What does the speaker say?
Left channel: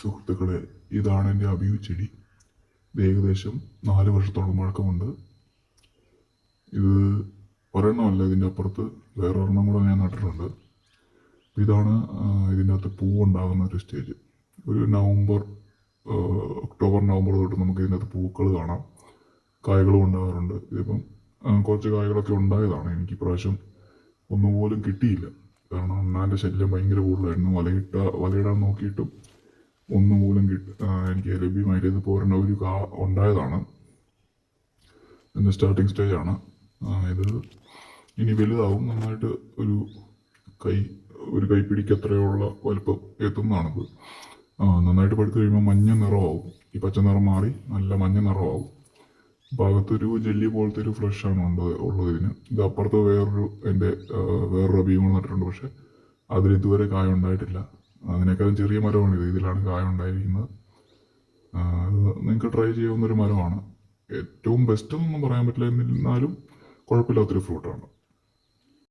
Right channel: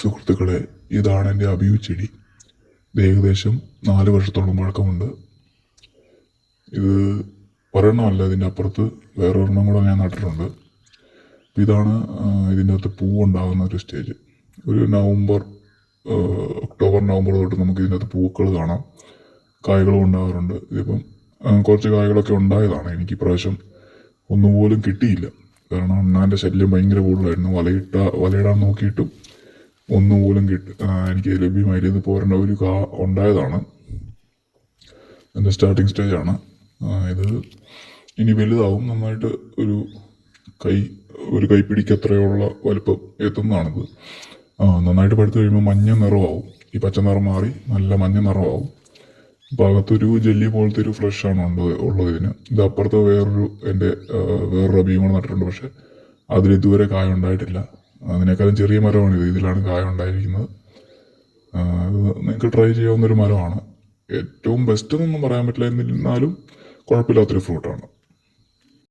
സുഹൃത്തുക്കളെ, ഇതാണ് എൻ്റെ അബിയു ചെടി. ഇത് ഏകദേശം 4 വർഷത്തോളം പഴക്കമുണ്ട്. ഇത് ഒരെണ്ണമല്ല, ഇതിൻ്റെ അപ്പുറത്ത് വേറൊരെണ്ണം കൂടെ ഞാൻ നട്ടിട്ടുണ്ട്. ഇതാണ് ഇതിൻ്റെ അകത്ത് പൂവുണ്ടാകുന്ന ഒരു സ്റ്റേജ്. ഒരു ഒക്ടോബർ നവംബർ തൊട്ട് നമുക്ക് ഇതിൻ്റെ അകത്ത് പൂക്കൾ കാണാം, കായകളും ഉണ്ടാകാറുണ്ട്. ഇതിപ്പം കുറച്ച് കായകളൊക്കെ ഉണ്ടായതാണ്. എനിക്ക് ഇപ്രാവശ്യം ഒന്നുപോലും കിട്ടിയില്ല. കാരണം അണ്ണാൻ്റെ ശല്യം ഭയങ്കര കൂടുതലായിരുന്നു. വലയിടാൻ നോക്കിയിട്ടും ഒന്നുപോലും എനിക്ക് ലഭ്യമായില്ല. ഇത് പോരേണ്ട ഒരു ഉണ്ടായതാണ്. എൻ്റെ സ്റ്റാർട്ടിങ് സ്റ്റേജാണ് ഇത്. ഇനി വലുതാവും, നന്നായിട്ട് ഒരു കൈപ്പിടിക്കത്രയുള്ള വലുപ്പം എത്തുന്നതാണിത്. നന്നായിട്ട് പഴുത്ത് കഴിയുമ്പോൾ മഞ്ഞ നിറമാവും. ഈ പച്ച നിറം മാറി നല്ല മഞ്ഞ നിറമാവും. ഭാഗത്തൊരു ജെല്ലി പോലത്തെ ഒരു ഫ്രഷാണ് ഉള്ളത് ഇതിന്. ഇത് അപ്പുറത്ത് വേറൊരു അബിയും കൂടെ നട്ടിട്ടുണ്ട്. പക്ഷെ അതിലിതുവരെ കായ ഉണ്ടായിട്ടില്ല. അതിനേക്കാളും ചെറിയ മരമാണിത്. ഇതിലാണ് കായ ഉണ്ടായിരിക്കുന്നത്. നിങ്ങൾക്ക് ട്രൈ ചെയ്യാവുന്നൊരു മരമാണ്. ഏറ്റവും ബെസ്റ്റ് എന്നൊന്നും പറയാൻ പറ്റില്ല, എന്നിരുന്നാലും കുഴപ്പമില്ലാത്തൊരു ഫ്രൂട്ടാണ്.